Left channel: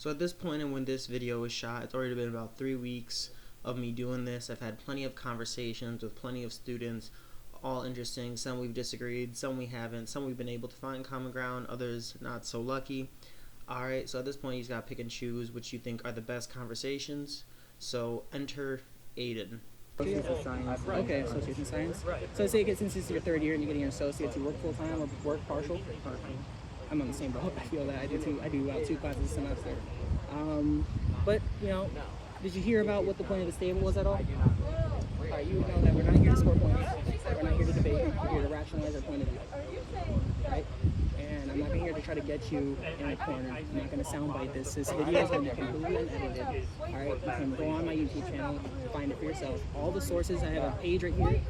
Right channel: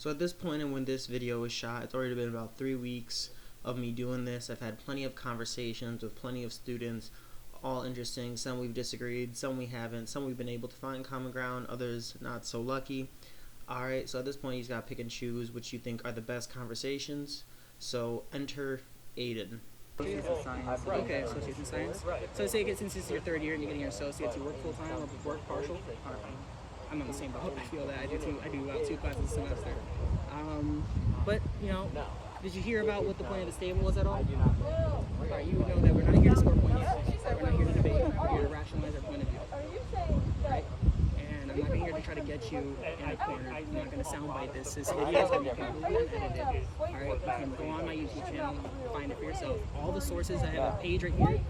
So at this point and when this video was shot, it's already been about 3 weeks of me doing this. I've had plenty of conversations with plenty of students, all interesting. Some we've disagreed, some we haven't, some we've been able to find common ground, others not so lucky. Alright, so at this point you just gotta pick and choose which you think are the best conversations. So enter Aiden. Associates in Science. Okay, Associates in Science. So say since this is your third year and you're getting your associates, you work full-time or work partial? Partial. I'm on the same boat. I feel that. I do about 2 classes a semester. But, you know, did you hear about what the point of this table was at all? All right, you know that we're not here to score points. We're not here to debate. We're here to rationalize our point of view, right? And I'm not here to try to get you in a corner. I'm not going to soundbite this. This video is going to be completely unedited. All right, you can go on my YouTube channel, find it for yourself. All the sources, I have a page right here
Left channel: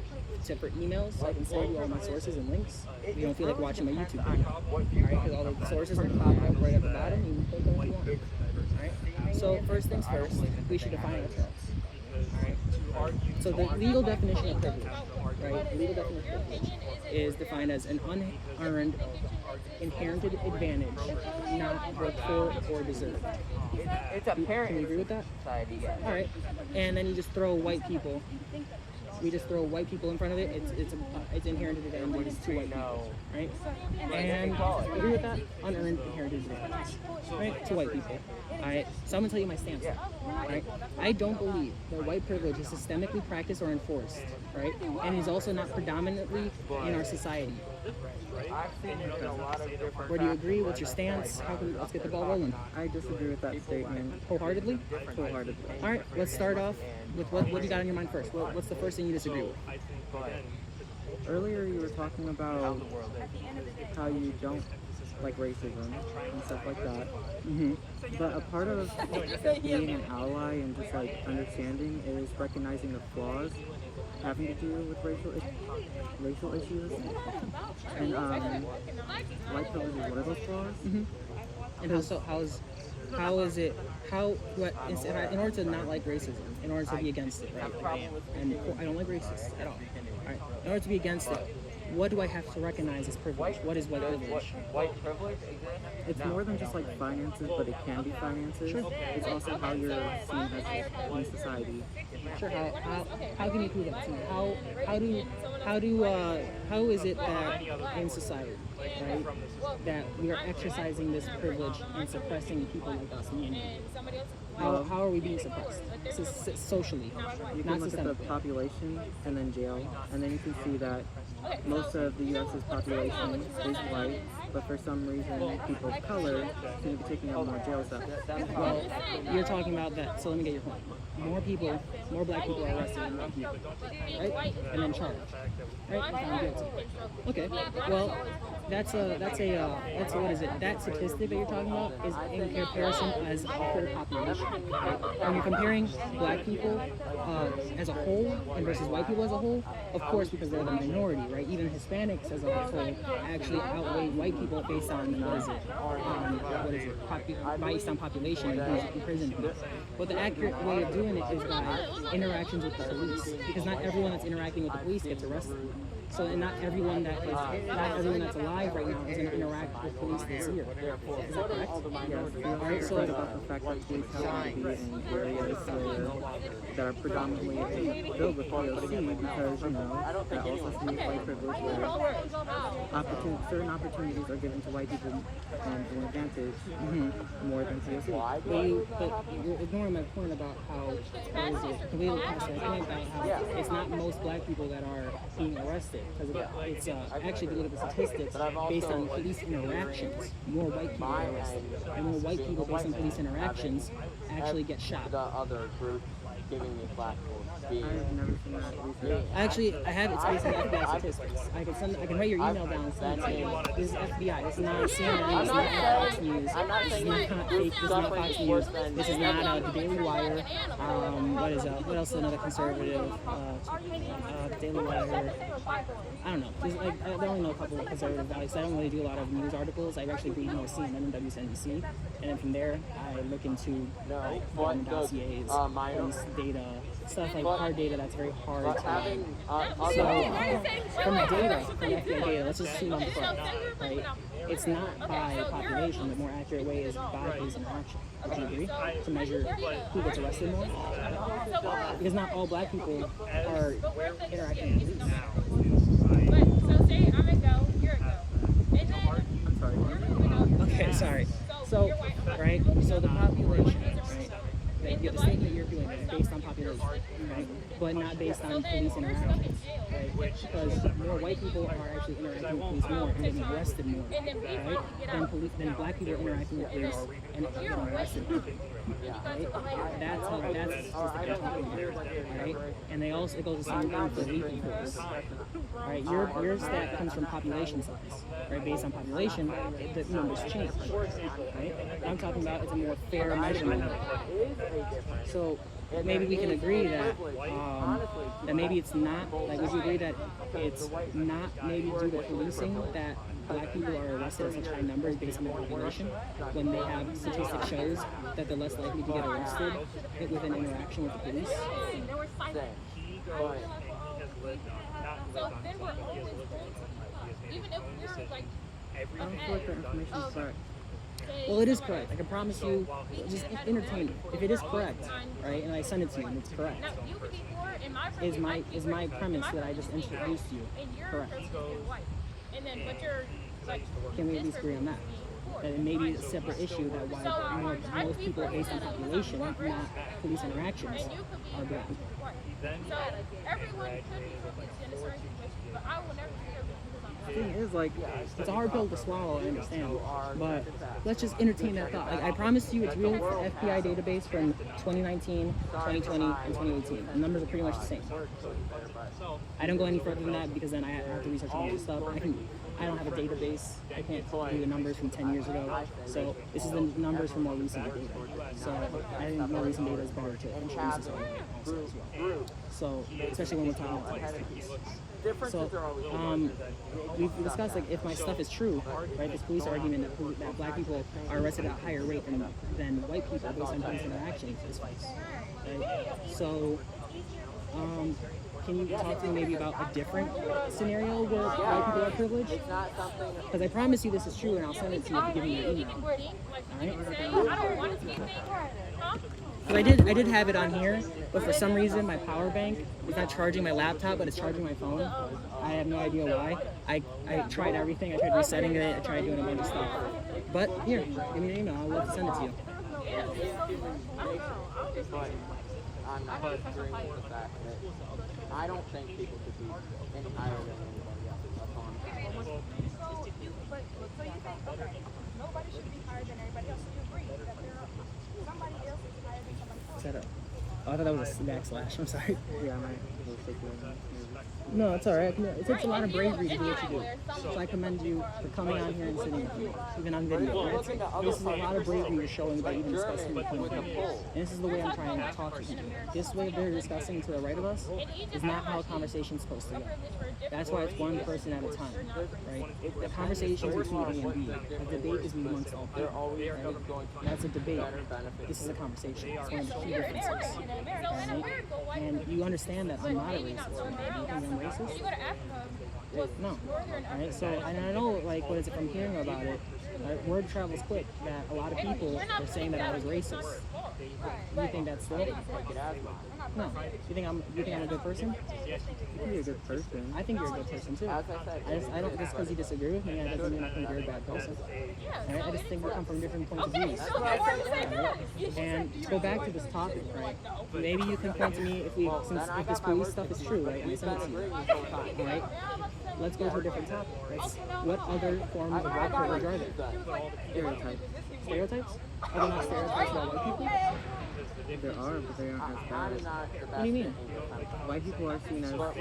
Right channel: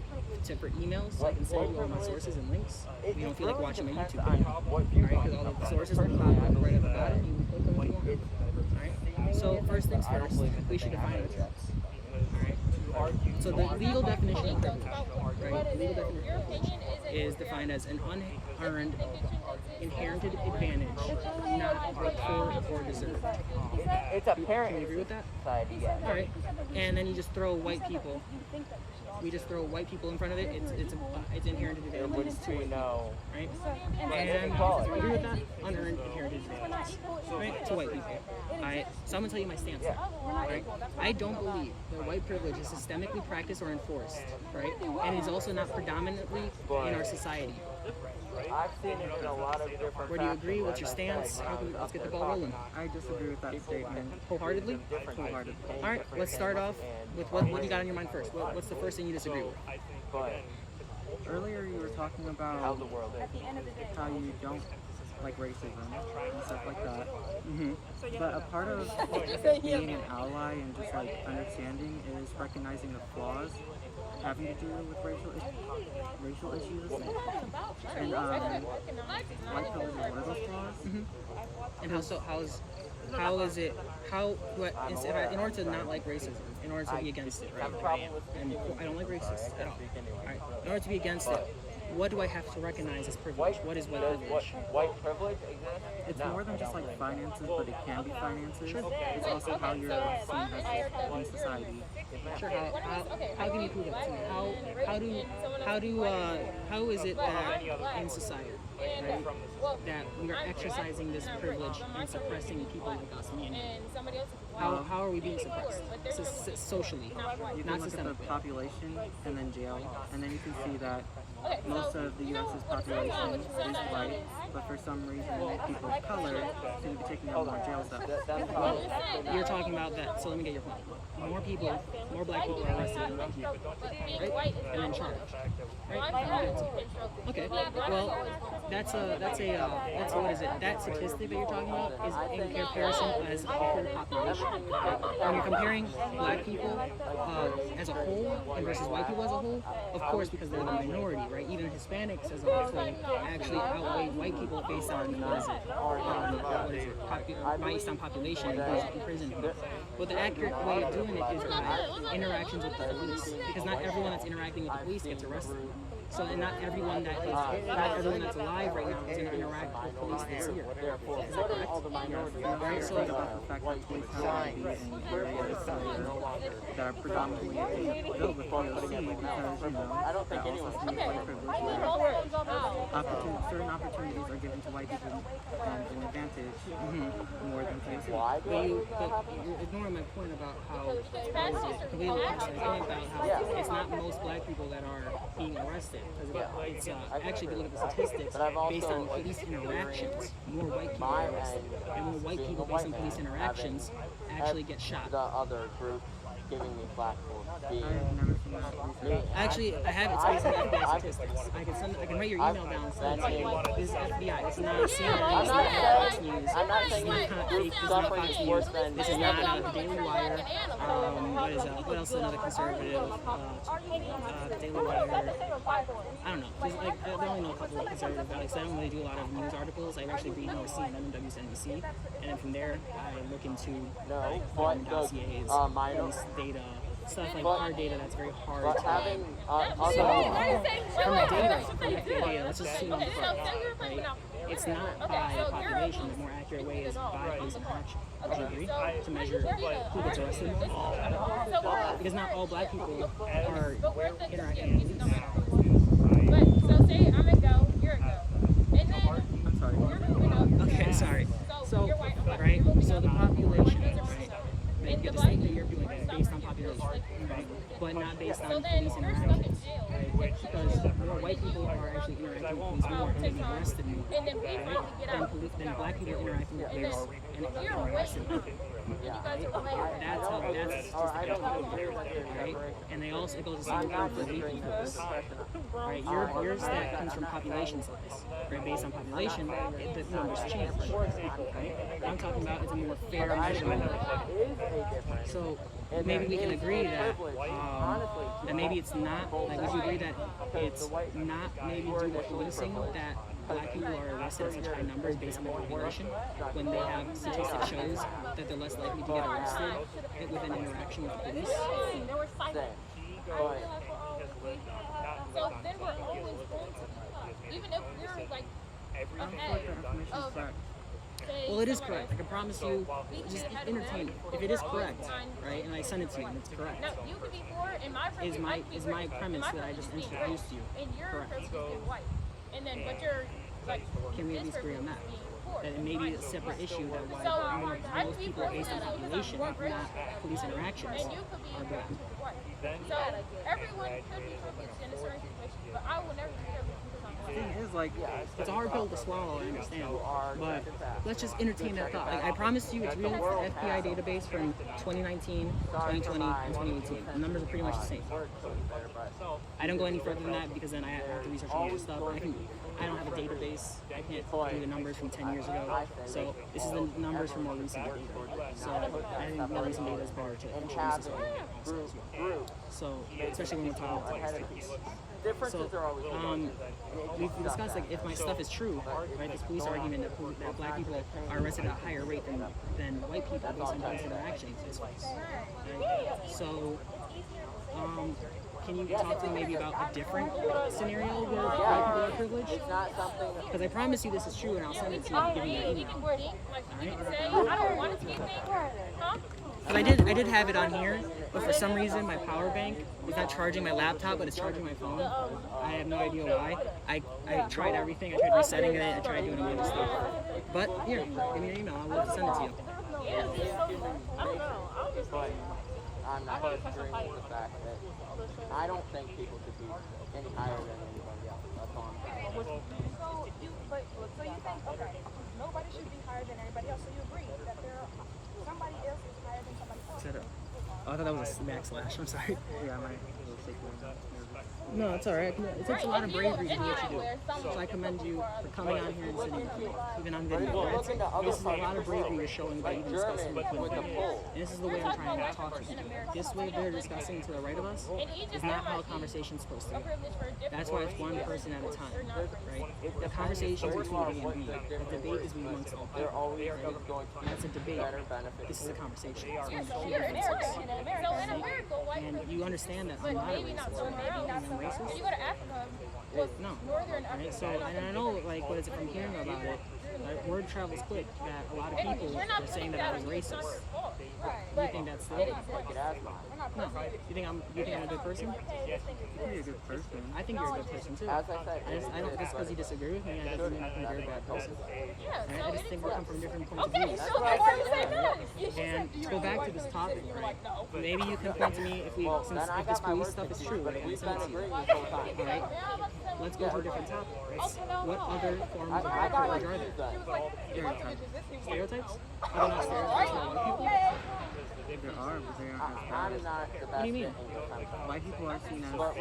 for emails, so I can send you all my sources and links if you don't feel like watching my YouTube video. All right, because all the sources will pop up right at the bottom. You can click them if you want. All right. So first things first, we should define our terms. All right. So the legal definition of privilege, right? The legal definition of privilege is defined as an unearned, inherited advantage, not worked for or deserved. Can we agree with that? All right. And then you just throw white people. We just throw white people in front of it. It's inherited advantages to white people, right? And you agree with that? Unearned inherited advantages, right? To white people. All right. So I'm gonna tell you my stance now, right? I don't believe that white privilege is systemically practiced or enforced, right? And is also not predominantly in our society. Where do you agree? What's your stance? Let's get the ball rolling. I disagree with that statement. Wholeheartedly? Wholeheartedly. All right, let's start off with what do you got on your mind first? What's the first thing you disagree with? Earlier you were talking about how you don't like racism and stuff like that. Mm-hmm. But a part of being an ally and just like understanding is recognizing the flaws having to do with racial issues. And white privilege is one of those flaws. Mm-hmm. And in order to not like racism, in order to be against it, right? Like I am, and I don't like racists at all. All right. In order to be against it, what do I have to recognize as privilege? What is white privilege? It's more than just like finances, but it can be finances. Sure. It's also how you're seen as in society. Sure. How can you prove that to me? How is it that in society, right, that we are exercising this privilege and suppressing people like us, me and you? How are we being suppressed? Socially, You not can look at the systemically. population and then jail, and then you can see that most of the U.S.'s population is white, but for some reason people of color seem to be taking up more jail cells. Well, you're talking about that, so let me get your point. More black people are arrested than white people, right? And then charged, right? And found guilty. Okay, well, that's what is it? That statistic that you're talking about is in comparison as a whole population, right? When you're comparing black people as a whole and versus white people as a whole, of course, because they're the minority, right? Even Hispanics as a whole actually outweigh white people based on based on population and who's in prison. But the accurate way of doing it is by interactions with the police, because not everyone that's interacting with the police gets arrested. So, and not everyone that's alive right now is going to interact with police this year. Is that correct? Yes, we also Alright, so talk about the fact that police have to be in areas that are predominantly filled with POC because, you know, that also has to do with white privilege where certain opportunities are given to white people and an advantage more than POC. But you're ignoring my point about how, completely past my point about how it's not most black people that are being arrested. Because it's actually, if you look at the statistics, based on police interactions, more white people get arrested. And more white people, based on police interactions, actually get shot. I've never seen that research. Actually, I have. It's based on FBI statistics. I can write your email down and send it to you. This is FBI. This is not CNN. This is not Fox News. This is not fake. This is not Fox News. This is not the Daily Wire. What else is another conservative? The Daily Wire. I don't know. I only know a couple of conservative values. I don't really do a lot of news articles. I actually read more CNN and WSNBC, and then from there I look into government dossiers, police data, stuff like hard data that's very hard to lie about. So from the FBI data, let's just assume I'm correct, right? it's not by population. The more accurate way is by police interaction. Would you agree? To measure who gets arrested more? Because not all black people are interacting with police. I'm sorry. Okay, sorry. So, right, so the population, right, the statement you're doing is based on population, right, but not based on police interactions, right, because more white people are actually interacting with police more and getting arrested more, right, than black people are interacting with police and getting arrested more, right. That's the statistic I'm talking about, right, and it goes the same thing for lethal force. Right, your stat comes from population size, right? Based on population, the numbers change, right? What I'm talking about is a more fair measurement. So maybe we can agree that that maybe it's not, like, would you agree that it's not maybe due to policing that black people are arrested at such high numbers based on their population, when they have statistics shows that they're less likely to get arrested with an interaction with the police? I don't feel like that information is correct. Well, it is correct. I can promise you, just entertain me. If it is correct, right, and I send it to you and it's correct, is my premise that I just introduced you correct? Can we at least agree on that? That it may be a separate issue that why most people based on population, not police interactions, are black. The thing is, like, It's a hard pill to swallow, I understand, but let's just entertain that thought. Like, I promise you, it's real. It's the FBI database from 2019, 2020, and 2018. The numbers are pretty much the same. I don't go any further than that because then I have to research a bunch of stuff. I don't have a database. I can't do the numbers from 10 years ago. So this is the numbers from more recent data. So I think more recent data is better to introduce this argument also as well. So especially when we're talking about today's students. So we've discussed, like, if my stuff is true, right, this police argument that black people are arrested at a higher rate than white people based on police interactions is false, right? So can you talk to me maybe about a different scenario where white people are privileged? Because I promise you this is true, and I'll send it to you if you give me your email. All right? Because I did have it on here, but for some reason my power bank is not charging my laptop, but it's charging my phone. I have no idea why. I tried everything. I tried resetting it. I tried doing a bunch of stuff. But here, give me your email. I'd love to send it to you. I don't think people could be entirely Set up. Oh, I thought that was a backslash. I'm sorry. Yeah, I might go sick right now. No, it's all right. It takes a lot of bravery to do what you do. So I commend you for coming on here and sitting with me, even on video. Right? This is a lot of bravery you're showing by even discussing your point of view. And this is the way I'm trying to talk to people. This way they're discussing to the right of us is not how a conversation's supposed to go. That's why it's one person at a time, right? The conversation's between A and B. A debate is amongst all people, right? That's a debate. This is a conversation. It's one of the key differences, right? And you understand that I'm not a racist right now. Do you think I'm racist? No. Alright, so, and I know, like, what is it from hearing about it, word travels quick that a lot of people were saying that I was racist. Do you think that's still? No. You think I'm a good person? I think you're a good person. I think you're a good person too. I don't just because you disagree with me, that doesn't mean I think you're a bad person. Right? I just think we come from different points of views. Right? And to go back to this topic, right? Maybe you can point to me if this police stuff is true, right? And I send it to you. All right. Let's go to a different topic. What other forms of white privilege are there? Stereotypes. Stereotypes? Are there not stereotypes about white people? There are, but they aren't as bad. What do you mean? White people are seen as smart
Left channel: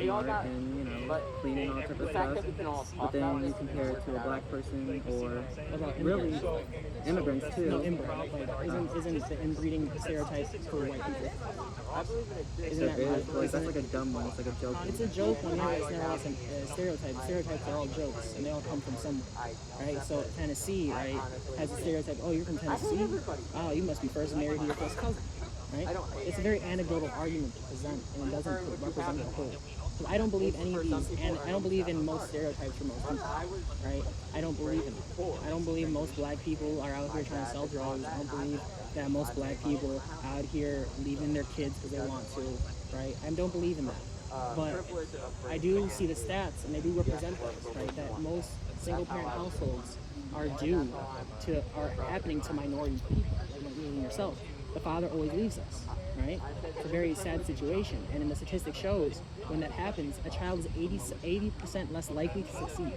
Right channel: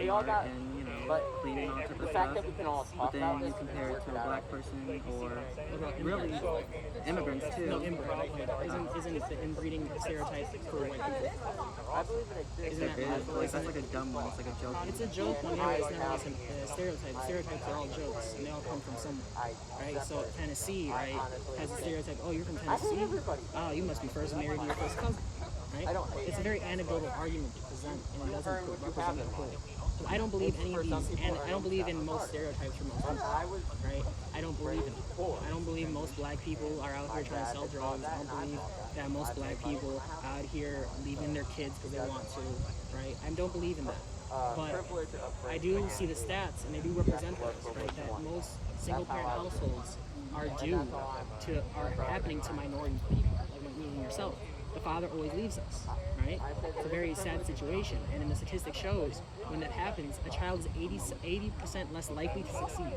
and, you know, clean and all type of stuff. But then you compare it to a black person or What about really immigrants too. No, inbred. Like, isn't the inbreeding stereotype for white people? Isn't that It is. right? Like, that's like a dumb one. It's like a joke. It's a joke one, yeah, but it's nevertheless a stereotype. Stereotypes are all jokes, and they all come from somewhere, right? So Tennessee, right, has a stereotype. Oh, you're from Tennessee? Oh, you must be first married to your first cousin. right? It's a very anecdotal argument to present, and it doesn't represent the whole. So I don't believe any of these, and I don't believe in most stereotypes for most people, right? I don't believe in them. I don't believe most black people are out here trying to sell drugs. I don't believe that most black people out here leaving their kids because they want to, right? I don't believe in that. But I do see the stats, and they do represent those, right? That most single-parent households are happening to minority people, like me and yourself. The father always leaves us, right? It's a very sad situation, and in the statistic shows, when that happens, a child is 80% less likely to succeed,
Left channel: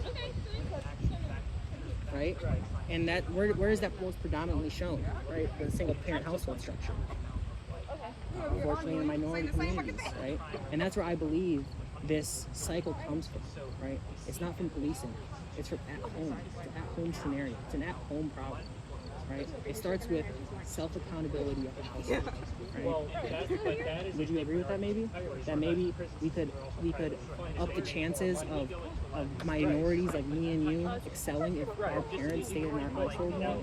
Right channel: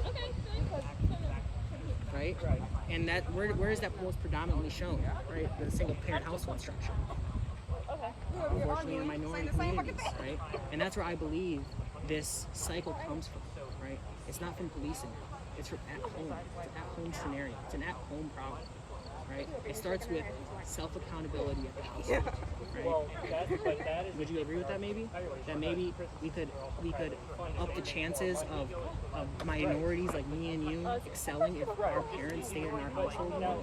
right? And that where is that most predominantly shown, right? The single-parent household structure. Unfortunately, in minority communities, right? And that's where I believe this cycle comes from, right? It's not from policing. It's from at home. It's an at-home scenario. It's an at-home problem, right? It starts with self-accountability at the household, right? Would you agree with that maybe? That maybe we could up the chances of minorities like me and you excelling if our parents stayed in our household more?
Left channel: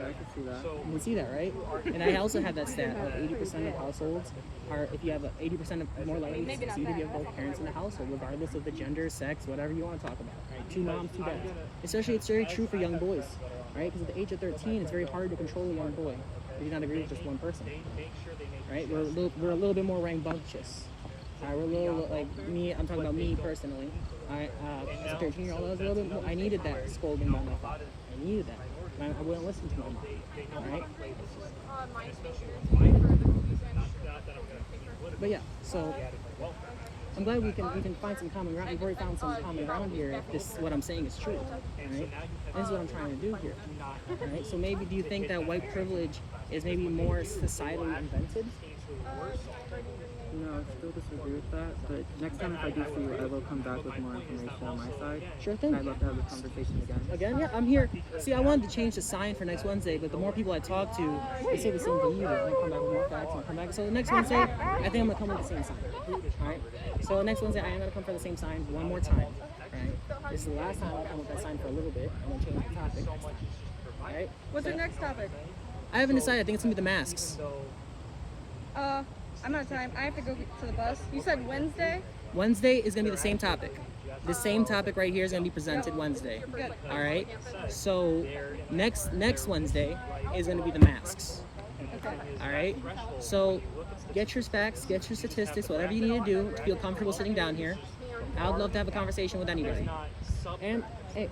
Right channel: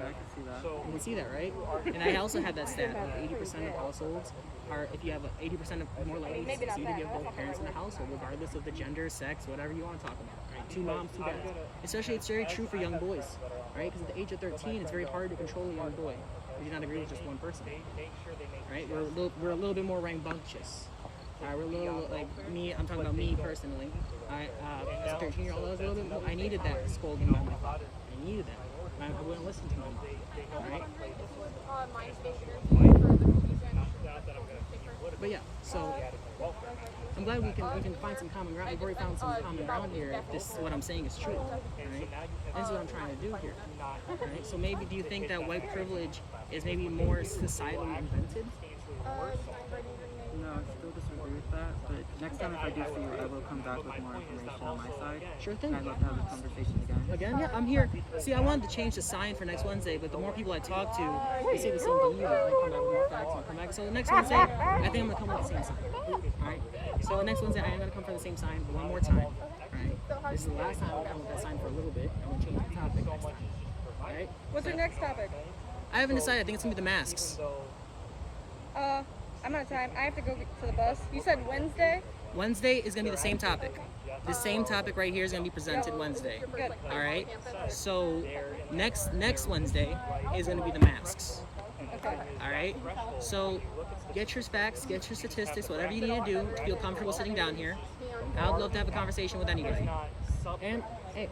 I can see that. You can see that, right? And I also had that stat of 80% of households are, if you have 80% of more likely to succeed if you have both parents in the household, regardless of the gender, sex, whatever you want to talk about, right? 2 moms, 2 dads. Especially, it's very true for young boys, right? Because at the age of 13, it's very hard to control a young boy. We do not agree with just one person, right? We're a little bit more rambunctious. We're a little, like me, I'm talking about me personally. As a 13-year-old, I was a little bit more, I needed that scolding by my father. I needed that. I wouldn't listen to my mom, right? But yeah, so I'm glad we can find some common ground. We've already found some common ground here if this what I'm saying is true, right? And this is what I'm trying to do here, right? So maybe do you think that white privilege is maybe more societally invented? No, I still disagree with that, but next time if I do see you, I will come back with more information on my side. Sure thing. I'd love to have this conversation again. Again, yeah, I'm here. See, I wanted to change the sign for next Wednesday, but the more people I talk to, they say the same thing you do. I'm gonna come back with more facts and come back. So the next Wednesday, I think I'm gonna come with the same sign. All right. So next Wednesday, I am gonna come for the same sign one more time. All right. This is the last time I'm gonna come with that sign for a little bit. I'm gonna change the topic next time. All right. What's your next topic? I haven't decided. I think it's gonna be the masks. I'm out of time. I have to go to the bus. You said Wednesday? Wednesday is gonna be the same topic. The same topic right here is gonna be presented Wednesday. Good. All right. So next Wednesday is gonna be the masks. Okay. All right. So get your facts, get your statistics, whatever you need to do to feel comfortable sitting down here. I would love to have a conversation with anybody. And hey,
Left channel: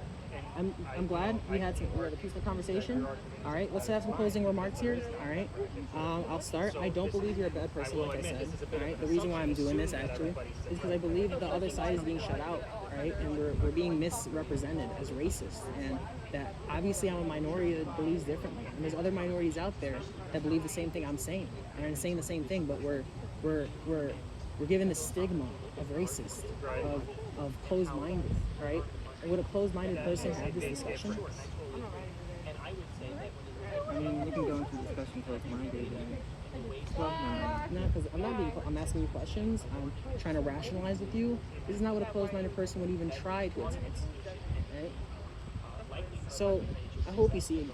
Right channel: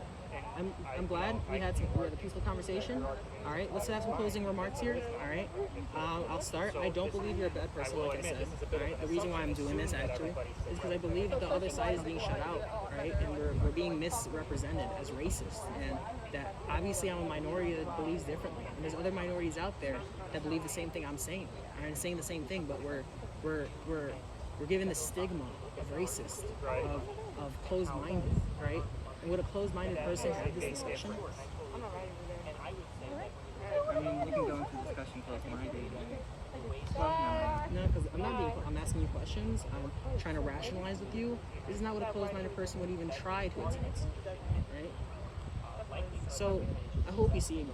I'm glad we had a peaceful conversation. All right, let's have some closing remarks here. All right, I'll start. I don't believe you're a bad person, like I said. All right, the reason why I'm doing this actually is because I believe that the other side is being shut out. Right, and we're being misrepresented as racist, and that obviously I'm a minority that believes differently, and there's other minorities out there that believe the same thing I'm saying. All right, saying the same thing, but we're given the stigma of racist, of closed-minded, right? And would a closed-minded person have this discussion? I mean, we can go into discussion close-minded. Well, no, because I'm asking you questions. I'm trying to rationalize with you. This is not what a closed-minded person would even try to attempt, right? So I hope you see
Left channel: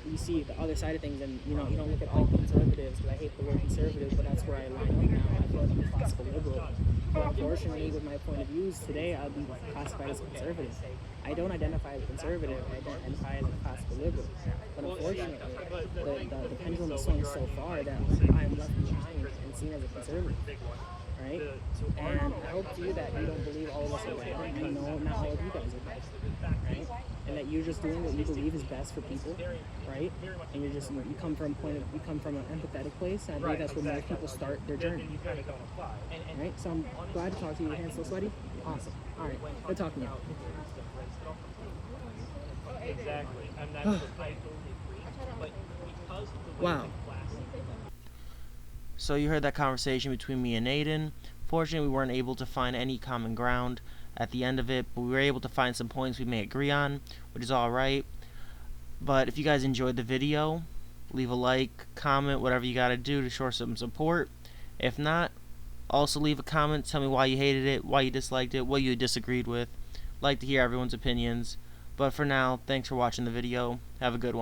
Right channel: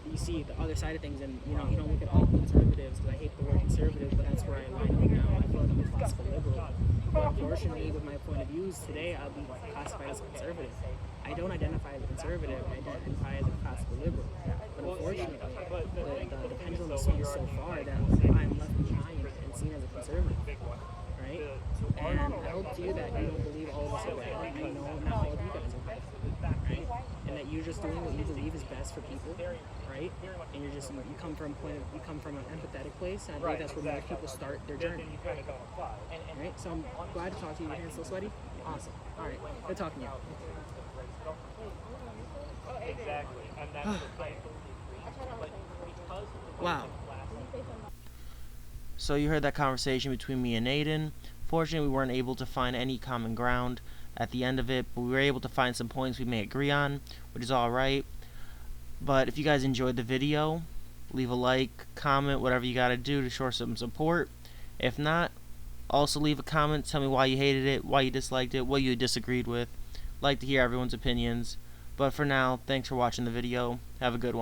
the other side of things, and you don't look at all conservatives, because I hate the word conservative, but that's where I line up now. I feel like I'm a classical liberal. But unfortunately, with my point of views today, I'll be classified as a conservative. I don't identify as a conservative, I identify as a classical liberal. But unfortunately, the pendulum has swung so far that I am left behind and seen as a conservative, right? And I hope to you that you don't believe all of us are bad. I know not all of you guys are bad, right? And that you're just doing what you believe is best for people, right? And you come from an empathetic place, and I believe that's where most people start their journey. Right? So I'm glad to talk to you. Your hands still sweaty? Awesome. All right. Good talking to you. Wow. So you heard that conversation between me and Aiden. Fortunately, we weren't able to find any common ground at the end of it, but we were able to find some points we may agree on, which is alright. But if you guys enjoyed the video, leave a like, comment, whatever you gotta do to show some support. If not, also leave a comment, tell me why you hated it, why you disliked it, what you disagreed with. Like to hear everyone's opinions. But for now, thanks for watching the video. Have a good one.